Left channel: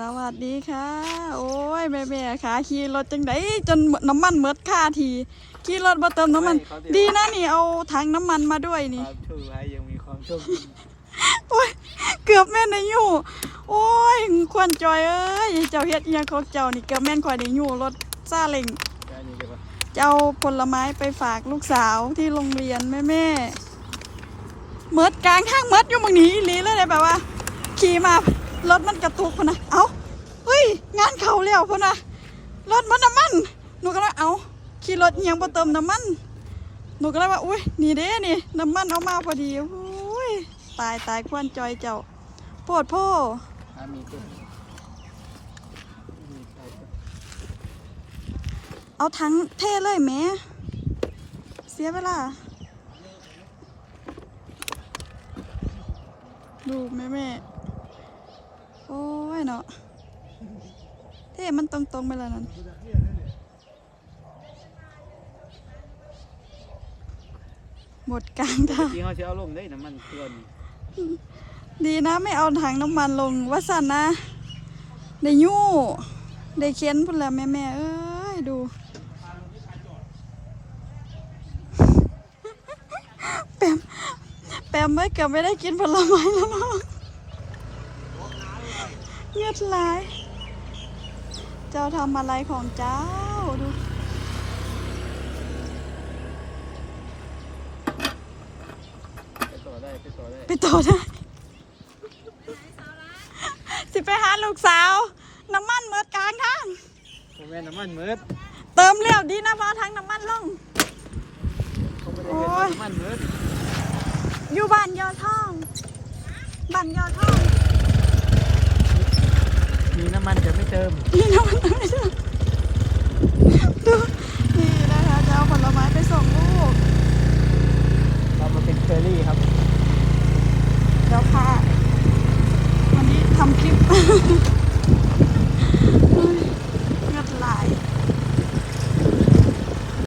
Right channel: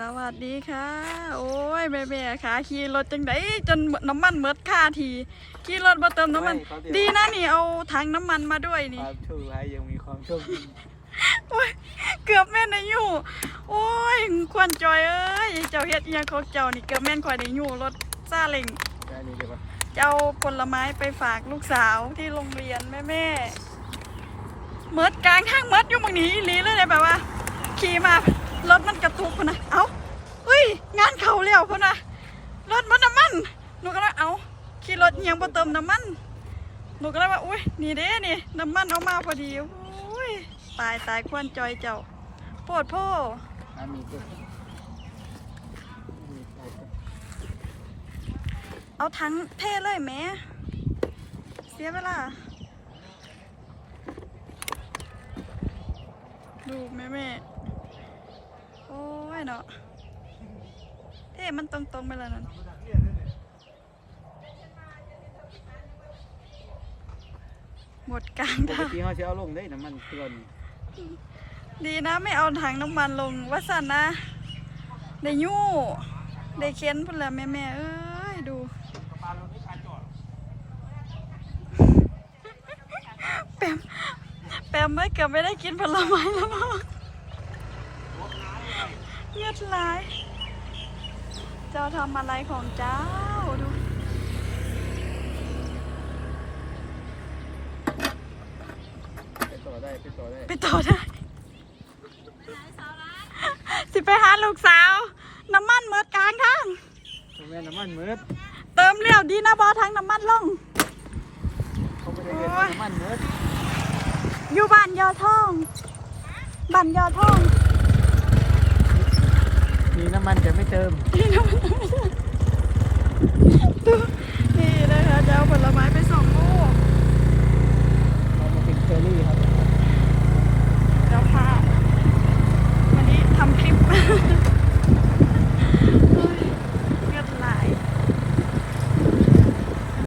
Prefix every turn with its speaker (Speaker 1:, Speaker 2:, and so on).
Speaker 1: สวัสดีค่ะ โอ้ยแม่แม่ๆค่ะขี่รถจังไดจนน้ำมันเมดค่าทีขี่รถบ่เติมน้ำมัน
Speaker 2: ไม่เขาเดี๋ยว
Speaker 1: ดีนะนี่เอาถังน้ำมันมาด้วย
Speaker 2: ค
Speaker 1: นี่
Speaker 2: วามโชคร้ายยังมีความโชคดี
Speaker 1: เกือบแม่นได้อยู่ โอ้ยควรจอยเอ้ยเจ้าเฮ็ดอีหยังของเจ้านี่เกือบแม่นข่อยได้อยู่รถซาเล้ง
Speaker 2: แค่นี้เดี๋ยวก่อน
Speaker 1: จะเอาผลไม้ไปฝากลูกสาวที่โรงเรียนแม่แม่ๆเมดกลางข้างเมดอยู่มึงหนีอีหลีเลยเลยแบบว่า ขี่มา รถมันกระตุกพะนะเอ้าเฮ้ย งานเขาแล้วพะนะรถมันน้ำมัน หนูก็เลยเอาขี่รถเอียงบ่เติมน้ำมัน หนูก็เลยว่า อุ้ย นี่เด้นี่ น้ำมันเอามาพอดีอุ้ย ตายตายควนจอยเจ้าโปวดโพ่
Speaker 2: อันนี้ก็มีใครก็
Speaker 1: เอาทั้งเท่เลยแหม่เสียเวลา ดูแม่แม่ๆ โอ้ยเนาะเท่มันตรงๆไปแล้วนั่นหมดกลาง
Speaker 2: ปก
Speaker 1: ทาง
Speaker 2: ติเขาจะเอาลงได้น้ำมันเครื่องนี่
Speaker 1: ดีนะไม่เอาถังน้ำมันลงว่าสันนะ ได้ยู่ได้เค้นพุ่นแล้วแม่แม่ๆเอ้ย ดู แปมแปมไม่เกือบไม่ได้กินผลไม้แล้วนะเงี ยดลาย เจ้าทำอะไรของเจ้าดู
Speaker 2: ไปต่อได้ไปต่อได้
Speaker 1: ไปต่อได้สิไปหาลูกสาว น้ำมันเมิดกลางข้าง
Speaker 2: ทำไมน้ำมันมืด
Speaker 1: เติมเร็วดีนะบอทั้งน้ำมันลง
Speaker 2: เขาไม่ได้เห็นว่าน้ำมันมืด
Speaker 1: อยู่บ้านยอท่องบ้านยอท่อง
Speaker 2: มี